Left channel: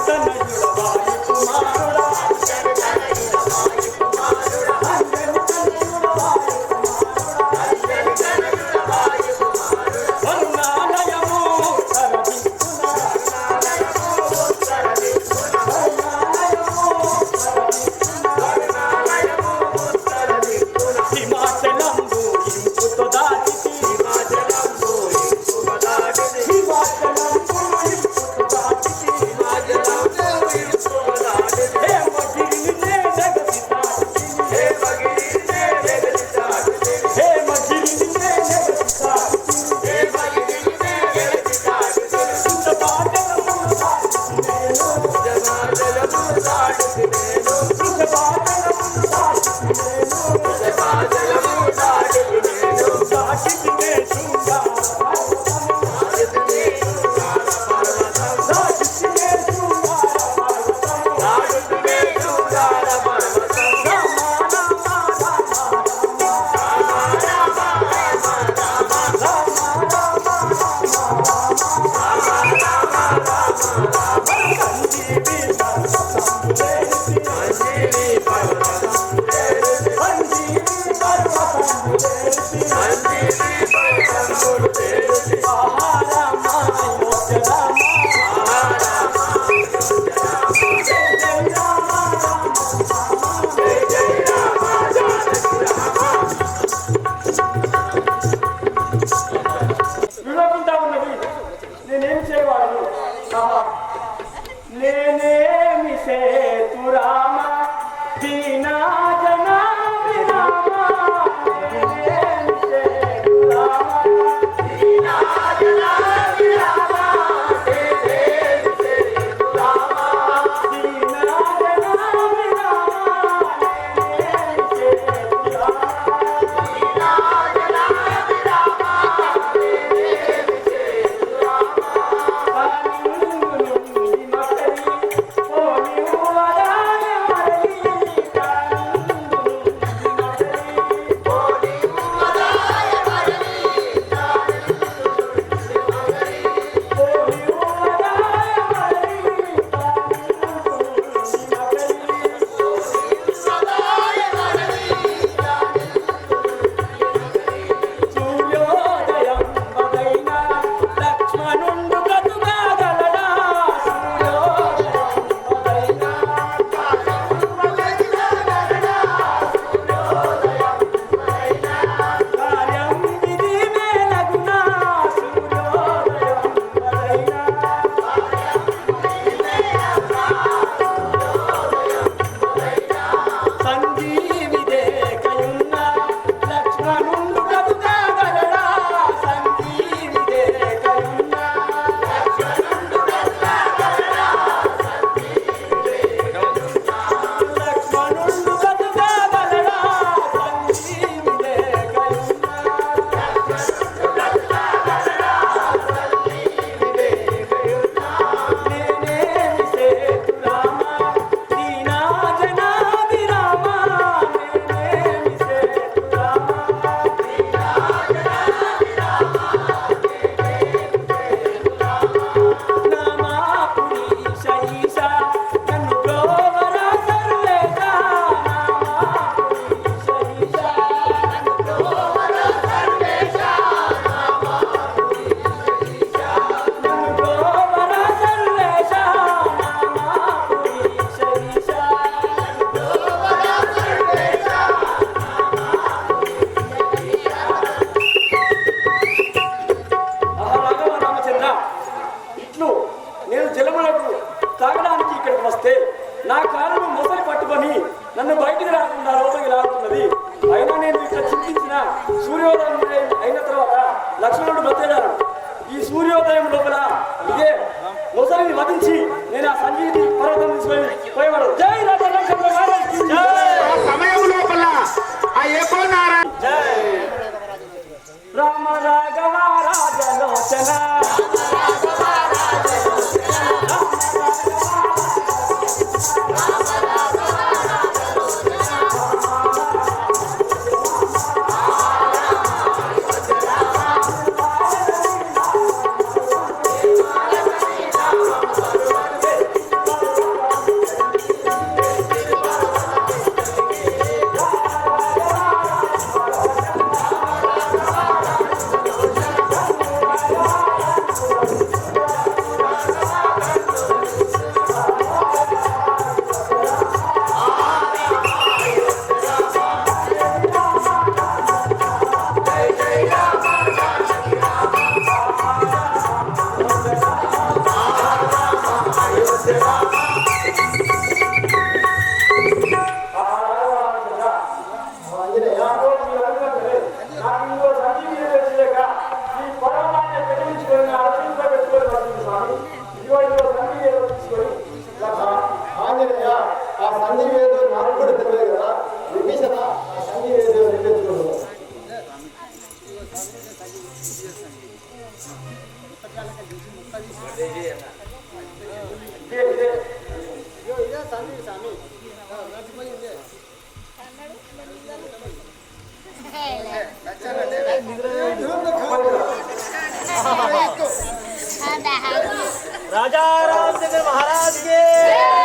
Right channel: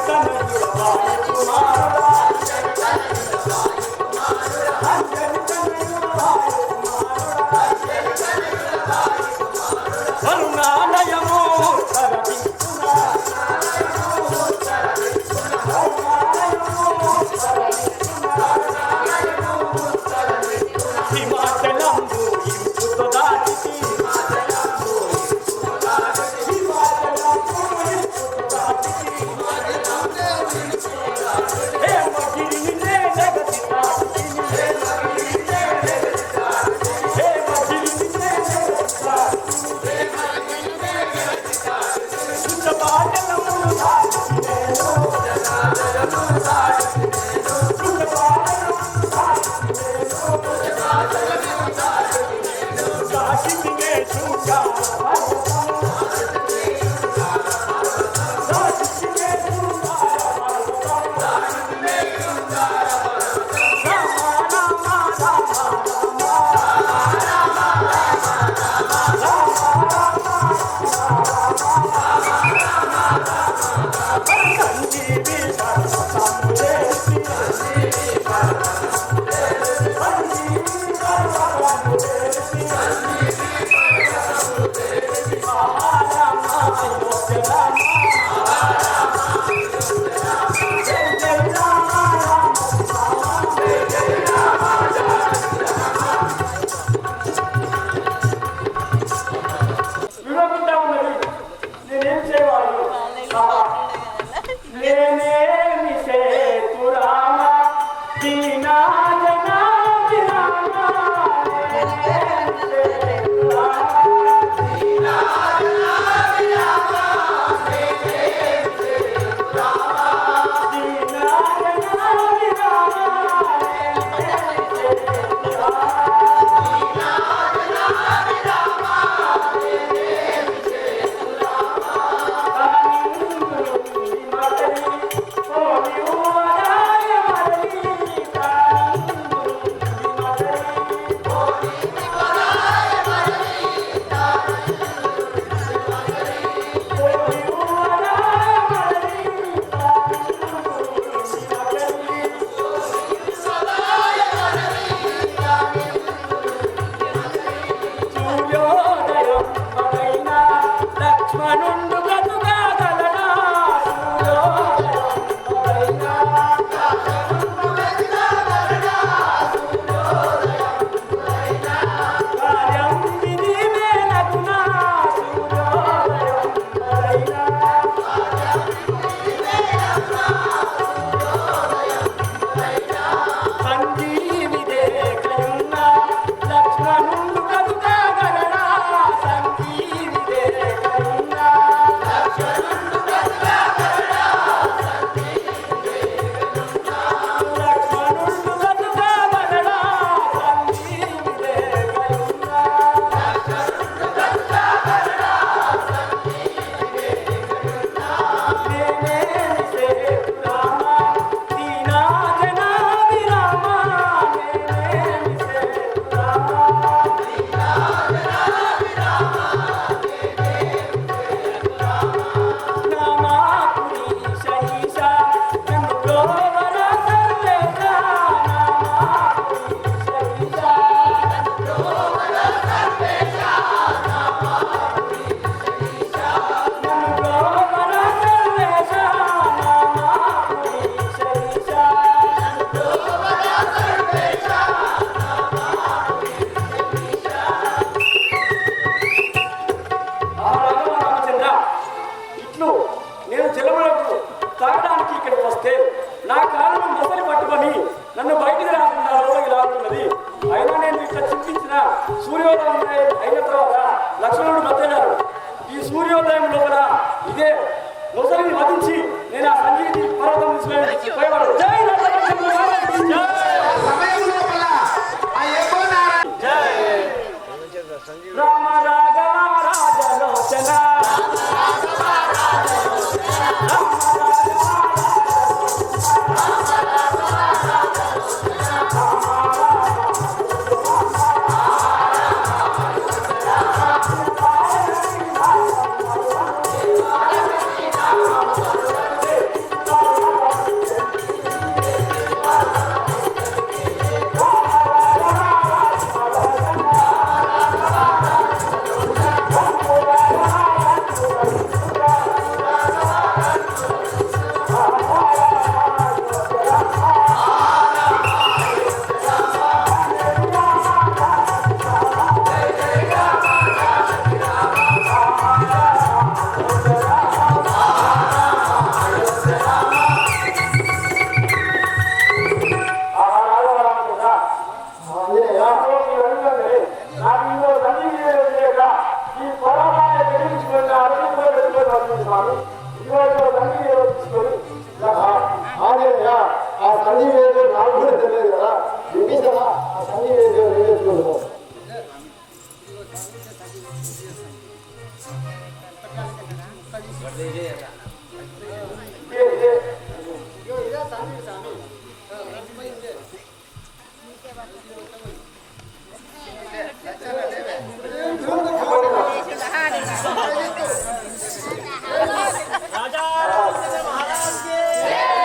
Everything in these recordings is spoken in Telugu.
అంజని తనయుడ వాయు కుమారుడా విష్ణు నేను జలములకు తాగడానికి ఇక్కడికి వస్తే నా కాలను మొసలి పట్టుకొని నన్ను బయటికి రాకుండా లోపలికి లాగుతున్నది. అయినా నేను ఇట్లా చింతించిన సూర్యోదయం అయిన తర్వాత లక్ష్మణుడు బతేడాడు ఈ సూర్యోదయం లోపల ఇదే మొసలిని వధించి నేను ఆ సంజీవి పర్వతం తీసుకొని పోయేవాడు. జై राजा रामचंद्र महाराज के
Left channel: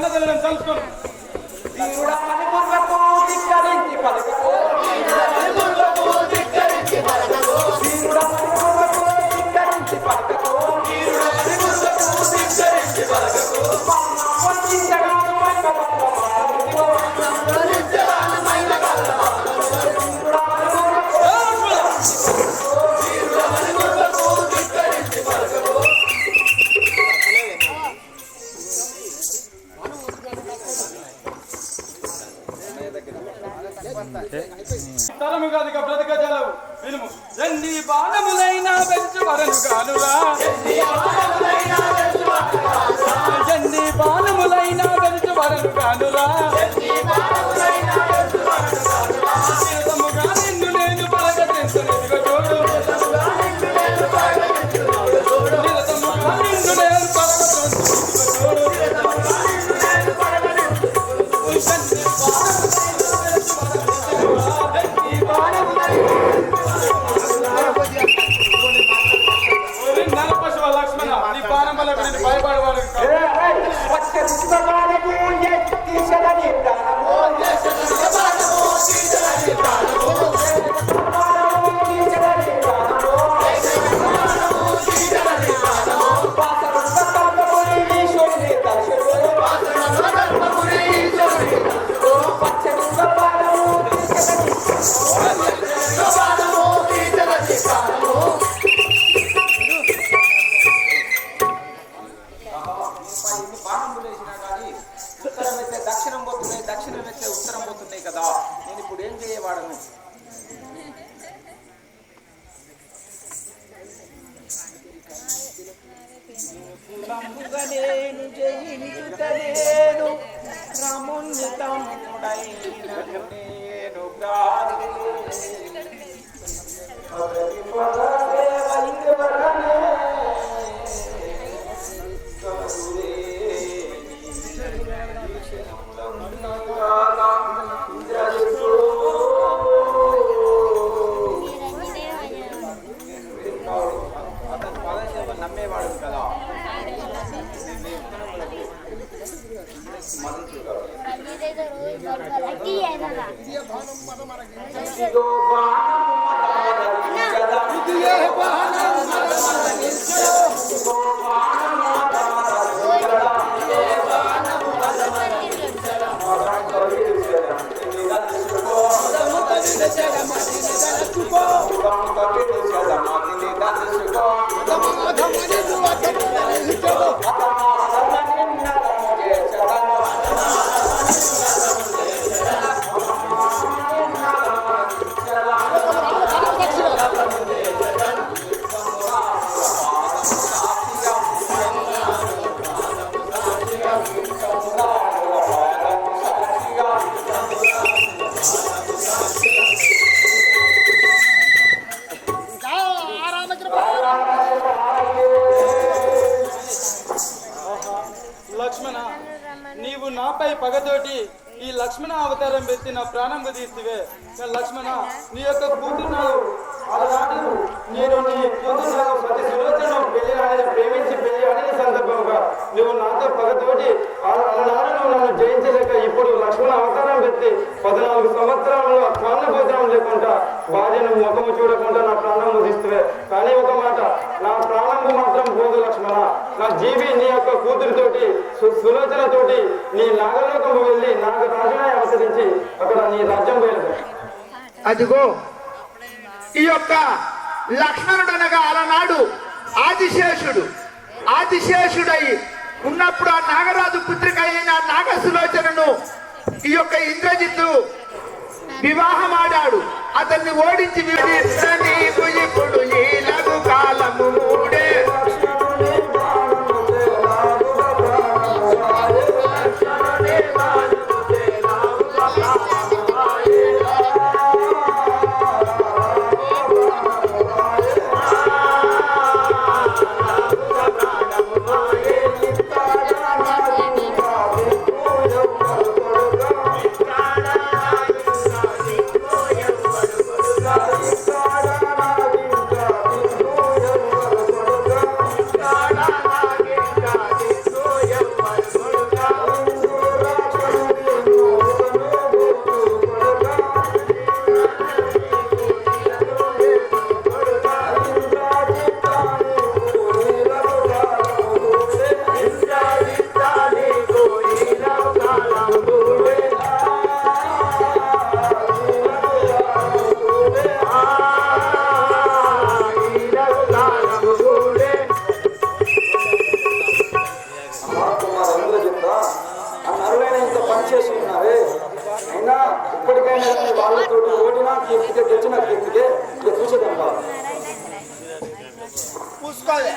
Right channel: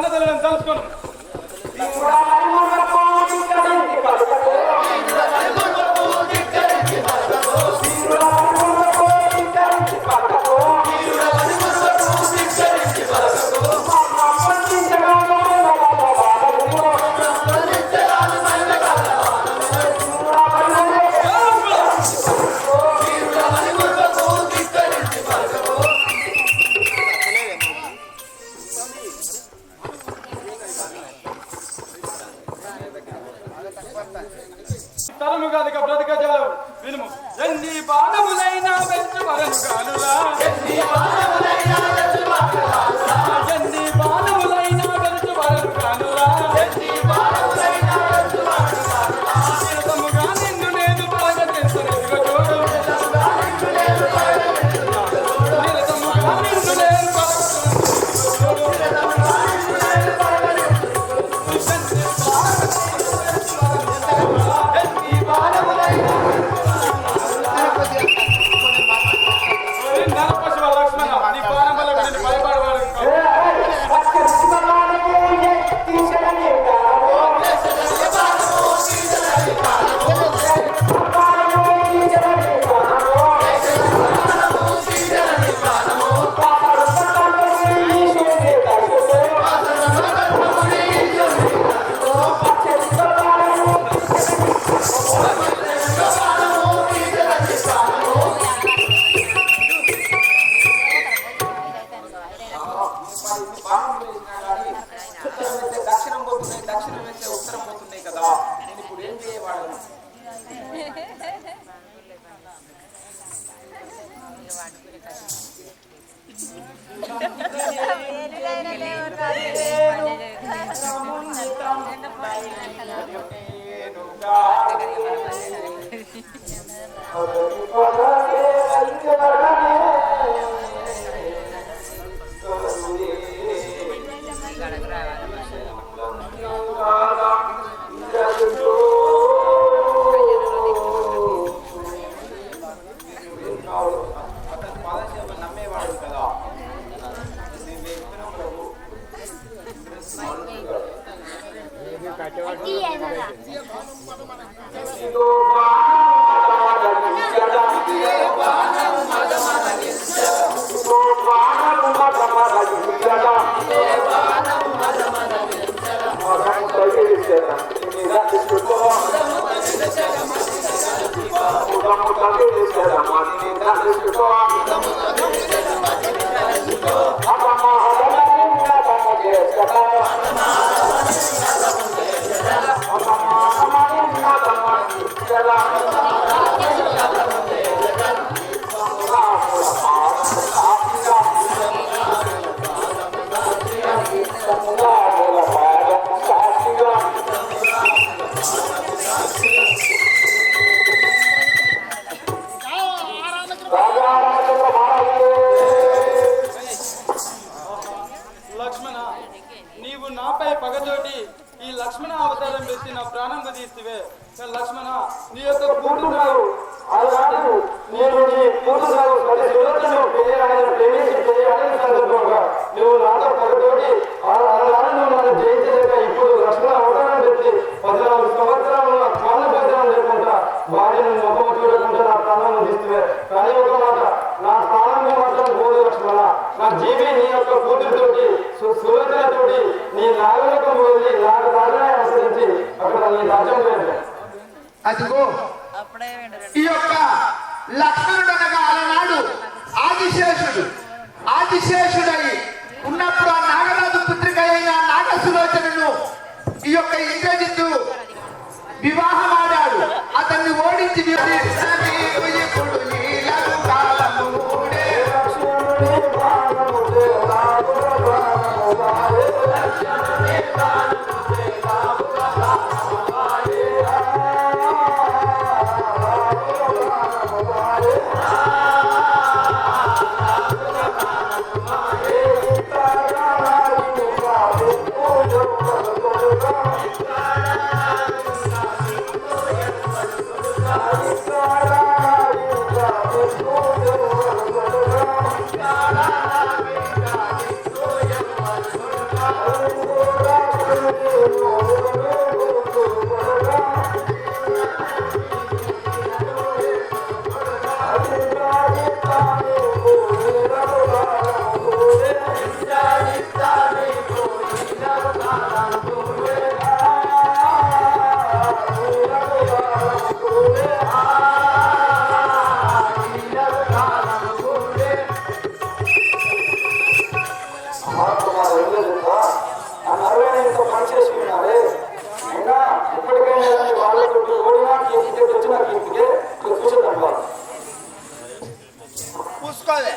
బ్రతకజాల ఉంది కన్నదల్లని తలుచుకోను తరము కాదు ఇక బ్రతక జలవు. వినుము. ఎన్ని బాణములైనా వెలుచు వరను కానురా ఎన్ని బాణములైనా వెలుచు వరను కానురా చిరుతముగా నిన్ను నేను పరగతించు. నిన్ను చూడు. పద్నాలుగు సంవత్సరాలు నా ప్రాణ భోజనం లేకుండా భార్యను ముఖం చూడకుండా నా ప్రాణం ముగిస్తువే కానీ ఒక మాట నా ప్రాణం మాత్రం పోదు లక్ష్మణ. నా జీవి నీ యొక్క కూతురుతోటి సు- సులోచనతోటి నీ నాగలోకం వెళ్ళి నాగ రాజునే అనుసరించి అక్కడ నీ రాజ్యం వెళ్ళి అదిగో ఈ యొక్క లక్ష్మణుడు అనగా అలనాడు ఆదిశేషుడు. ఆదిశేషుడై ఉన్నప్పుడు ఆ నాగరాజు పుత్రిక అయిన నాగసులోచనను ఈ యొక్క ఇంద్రజిత్తు వివాహమాడాడు అతన్ని ఓడించి వదిలేదున్నా ఆ పనిచేసి ఉన్నావే. అయినా ఇప్పటికైనా వాళ్ళతో ఓడినా కీర్తికే తెచ్చిన కీర్తికే ఎక్కువసేదమ్మా పూసుకోవాలి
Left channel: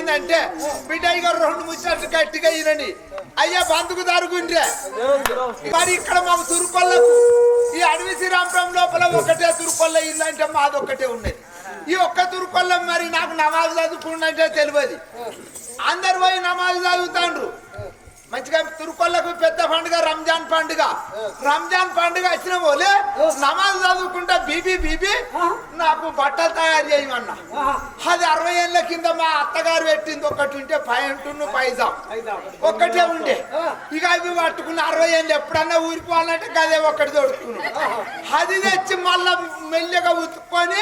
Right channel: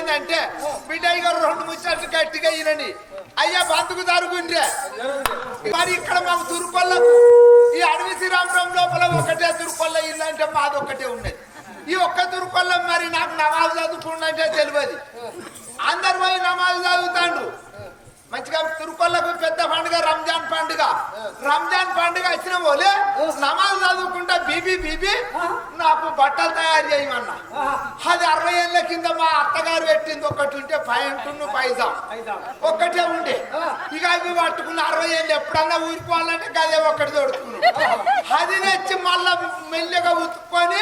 ఏమైందంటే బిడ్డ ఇక రెండు ముచ్చట్లు గట్టిగా ఇరని అయ్యా బంతుకు తరుగుండ్రే మరి ఇక్కడ మాకు తురుకొల్లకు ఈ అడవి శ్రీరామపురం లోపల ఒకటే తురుకొల్ల ఇల్లు అంటే మాది ఒక్కటే ఉన్నది. ఈ ఒక్క తురుకొల్ల మరి నాకు నమాజ్ చదువుకుండంటే తెలియదు. అందరు పోయి నమాజ్ చదువుతాండ్రు. మంచిగా తురుకొల్లకు పెద్ద పండుగ రంజాన్ పండుగ. రంజాన్ పండుగ వచ్చిన పోలే నమాజ్ చదువుకుంటా బీబీ బీబీ నాకు బట్టలు తయారు చేయమన్నా. అది అరవై ఏళ్ళ కింద మా అత్తగారు పెట్టింది. ఒకటి ఉంటే పైంటున్ను పైజాం. ఒక్కటే ఉండే. ఇక అవి పట్టుకున్న అరవై ఏళ్ళు ఎప్పుడన్నా ఊరిపోవాలంటే గదే ఒకటి దొడుకున్నాడు అది తెచ్చి మళ్ళా మెల్లగా ఉతుక్కొని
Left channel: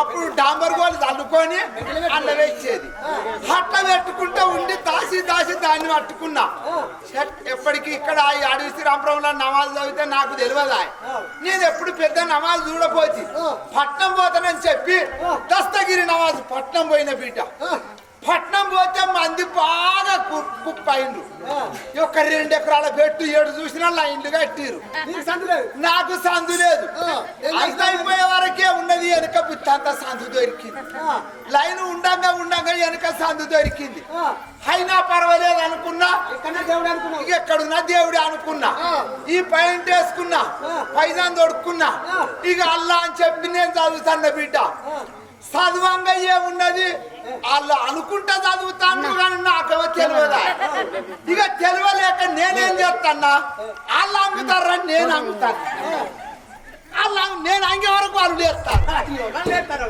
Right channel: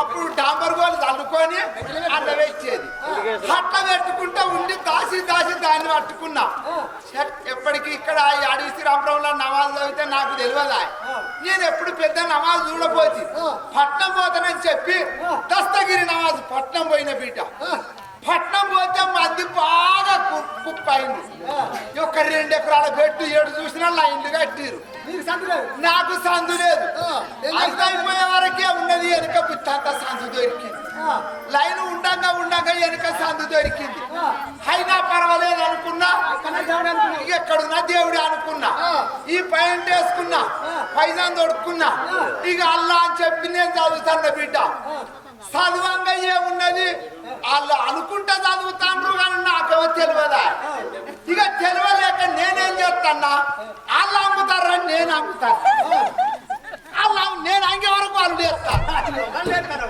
అప్పుడు డాంబర్ గోలు చల్లుకొని అల్ల వేసేది అట్లా పెట్టుకుంటా ఉండి దాసి దాసి దాన్ని పట్టుకున్నా. ఎప్పటికీ ఇక్కడ ఈ అడవి శ్రీరామపురంలో నమాజ్ చదివితే నాకు తెలియదా? నేను ఎప్పుడు పెద్ద నమాజ్ చూడపోతి పట్నం పోతానని చెప్పి దస్తగిరి నమాజ్ పట్నం పోయిన బిడ్డ. పట్నం పోతే మంది బాగా కు- కుప్పైండ్రు ఒక రెండు ఎకరాల పెట్టు ఏడు చూసినా లైన్లు కట్టిరు నాకు సందు లేదు. అయిపోయే వరకే ఉన్నది వెనుక బుత్తంత సందు దొరికింది. లైన్ ఉండంగా ఉండంగా వెనుక సందు దొరికింది. అయినా పర్వాలేదు అనుకున్నా. ఎక్కడున్నా దేవుడు అనుకున్నా. ఈ పైంట్ వేసుకున్నా. పైజాన్ తొడుక్కున్నా ఇక అల్లా అని చెప్పి నేను చదువుతాను బిడ్డ. చదవంగా ఏమున్నది వాళ్ళు అనుకుంటా చదువుతాను కానీ నాకేమో తెలియదా? ఇక తెలియలేక నేనేం చేస్తానా వాళ్ళు అమ్ముతారని నేను అమ్ముతాను వాళ్ళు నేను అంగే వరకు వాళ్ళు చేస్తాను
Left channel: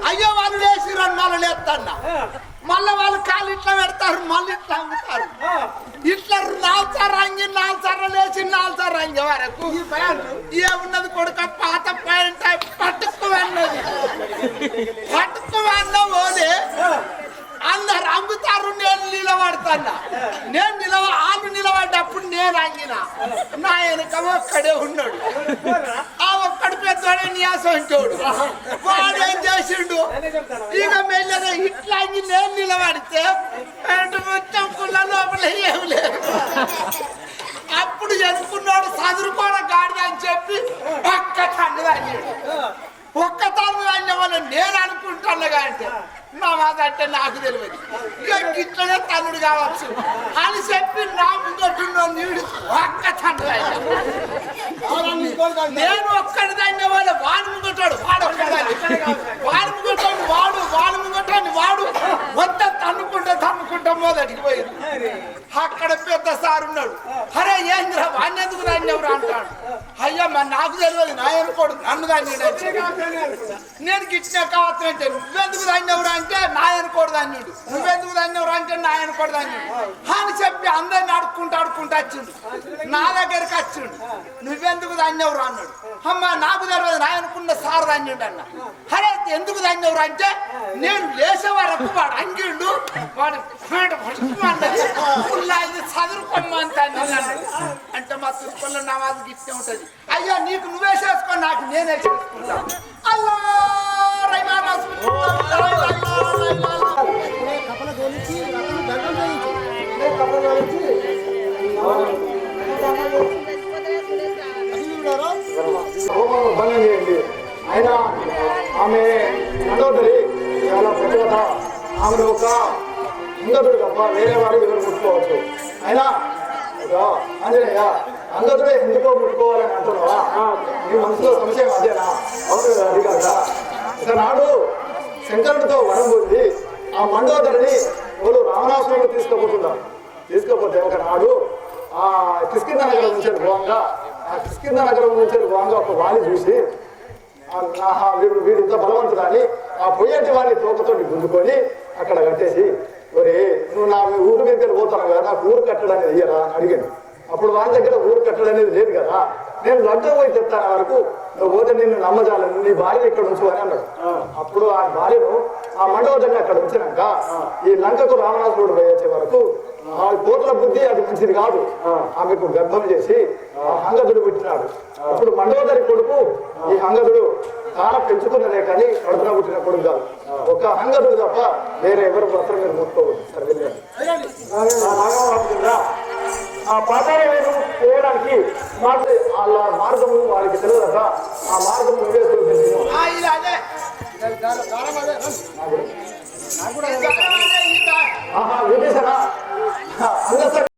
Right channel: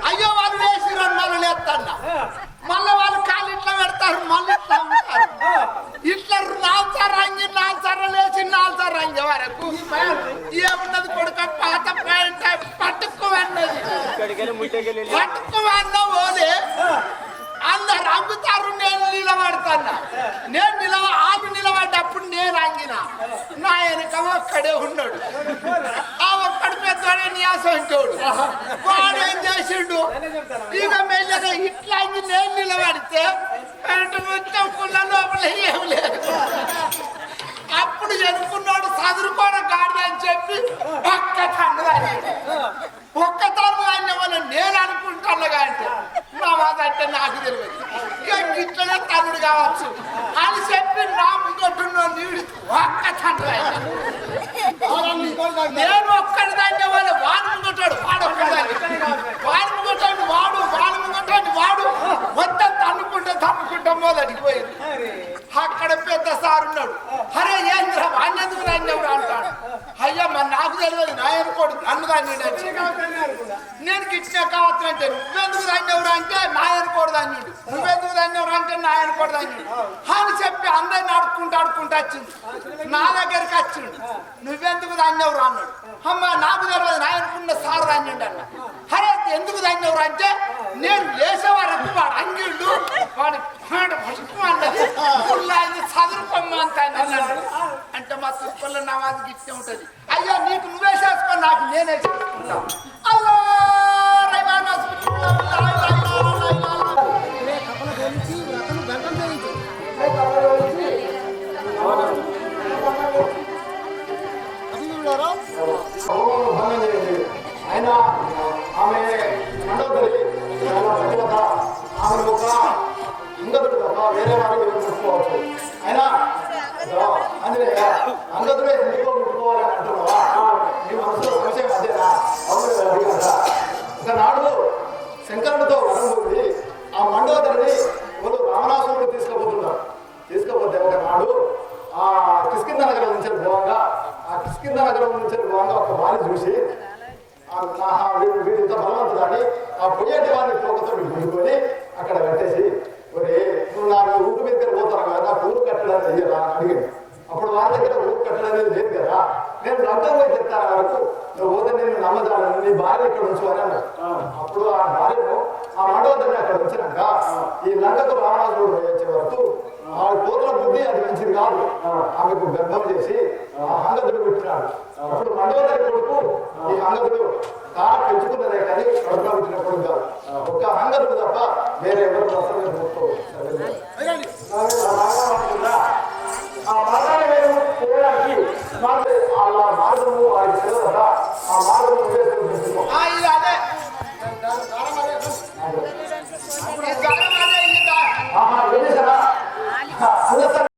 అయ్యో వాళ్ళు లేచిరని మళ్ళీ లేస్తాన్న మళ్ళీ వాళ్ళు కాళ్ళు ఇట్లా పెడతారు మళ్ళీ ఇట్లా అమ్ముతారు ఇట్లా నాలుసారు రంగి నాలుసార్లు లేచి నాలుసారు రంగి వరకు ఏమున్నది కొడుక? పాత పాయింట్ పట్టుకు అన్నది పట్టుకు అన్న ఓలే అందరు అమ్ముతారు నేను నిలబడతాన్నా నేను నిలవ ఆమె నిలబడ్డప్పుడు నేను అంగిన? నా వెనక ఒక్కడే ఉన్నాడు. ఆ ఒక్కడు పెద్దవాడే నియాసంటోడు వాడు ఏం చేసిండు? ఇక మెల్లగా ఇట్లా అంగి నేను నిలబడితే పెంట మొత్తం పుల్ల లోపల ఏం లేదు. అప్పుడు ఎనుకున్నాడు చదువుకోన గాడి అని చెప్పి పక్క తండ్రి ఒక్క తన్ను అన్న వాళ్ళు నేను అనుకుంటున్నాగా అంటే నా మాట అంటే నాకు తెలియదు. ఇక ఇట్లనే తనుడు కావచ్చు. అని చెప్పి నా ముందట్టున్న నీడు ఒక్క తన్ను నేను ఒక్కడి దాన్ని వాళ్ళు వాడు ముంగటాడు వాడు ఒక్కడాన్ని వాడు ముంగటాడు వాడు వాడు ముంగటాడు వాడు. మొత్తం తన్నుకుంటే తన్నుకుంటాం మొదటికి పోయింది. అక్కడ పెద్ద సార్ ఉన్నాడు. అరే ఏంద్ర వాడిని ఎందుకు రాని ఎవరు అంటాడు అయ్యా మరి నాకు తెలియదు నా అనుకోడు నన్ను దాన్ని నేను గిట్టిన కావచ్చంటే నువ్వెందుకు దాన్ని ఎవరు అంటే నా అనుకోడు దాన్యుడు నువ్వెందుకు దాన్ని ఎవరు అంటే నా అనుకోడు దాన్యుడు అని చెప్పి అందరిని అడుక్కుంటూ అడుక్కుంటూ వచ్చిండు. నా దగ్గరికి వచ్చిండు. నువ్వెందుకు దాన్ని ఎవరు అన్నాడు. అమ్మ నాకు తెలియదు నా అనుకున్న సార్ దాన్యుడు అన్న. అరే ఎందుకు దాన్ని ఎవరు అంటే నేను లేచే వరకు వాడు అంగిళ్ళు వాడు పేట పట్టుకు అన్నది. పుల్ల ఇది చదువుకోమంత అన్నాడు. అంటే మా తుప్పల్లో నమాజ్ గిట్టే ఉంటది. అయ్యో నీకు నువ్వే చేసుకో నాకు నేనే చేసుకుంటా. అల్లా రైమానా కపల తోలించి వ్రతం దండం చేయించు. అది చూడారా హోమం భంగం చేయండి. ఆయన ఆమె మండోదరి ఆమెను ఒక అంగదుడు తప్ప వేరే వారు ఎవరు ముట్టుకోవచ్చు. అయినా ఇదో ఆంజనేయ అంగదుడే ఎందుకో ముట్టుకోవాలని అంటున్నావా? నీ మనసులో సంశయం అదేనా అవును అది కదా. ఒకనాడు శంకరుడితో వరం పొంది ఆ మండోదరిని వాళ్ళు రామనాసురుడు తీసుకుపోతున్నారు. తీసుకుపోతే ఒకనాడు ఆ కిష్కింద నగరం నుంచి పోవంగా ఆ కిష్కింద నగరం నుంచి పోవంగా ఒక వాణి చూసి ఆ వీడు బలవంతుడని ఆ పొయ్యటి వారిని తోకతోటి గుంజుకొని అక్కడ కట్టేసి ఒరే నువ్వు నా ఊరు దగ్గర పోతాను కదా ఊరు కట్టడానికి అయ్యరా అని అప్పుడు వారి దగ్గర ఊరు కట్టడం అనేది లేదు కదా. నేను లంకం పోయి చెప్తాను వరకు నువ్వు పోతే నిన్ను నమ్మజాలను నీ భార్య ఇక్కడ ఉంచు అని అన్నాడు అప్పుడు ఆ భార్యను ఆ మండపదాన్ని అక్కడ ఉంచినాక ఈ లంకకు పోయి వచ్చే వరకు ఆ. కోతుల బుద్ధి అది మంచిది కాదు. ఆమెకు గర్భం చేసి ఆ. హంగదుడు పెట్టినాడు. అప్పుడు మండోదరి కొడుకు ఈ హంగదుడు తాన పెంచుకున్నదే కానీ కడుపులో పుట్టిన కొడుకు కాదు ఒక్క హంగదుడు తప్ప వేరే ఎవరు అసలు ಆ ಪ್ರಕರಣವನ್ನು ಕೇಳಾಗಿ ನಾನು ಆ ಮಾರ್ಗವನ್ನು ಅವರಿಗೆ ತಿಳಿದಾಗ ಆ ಮಾರ್ಗವನ್ನು ತಿಳಿಸಬೇಕು ಆಹಾ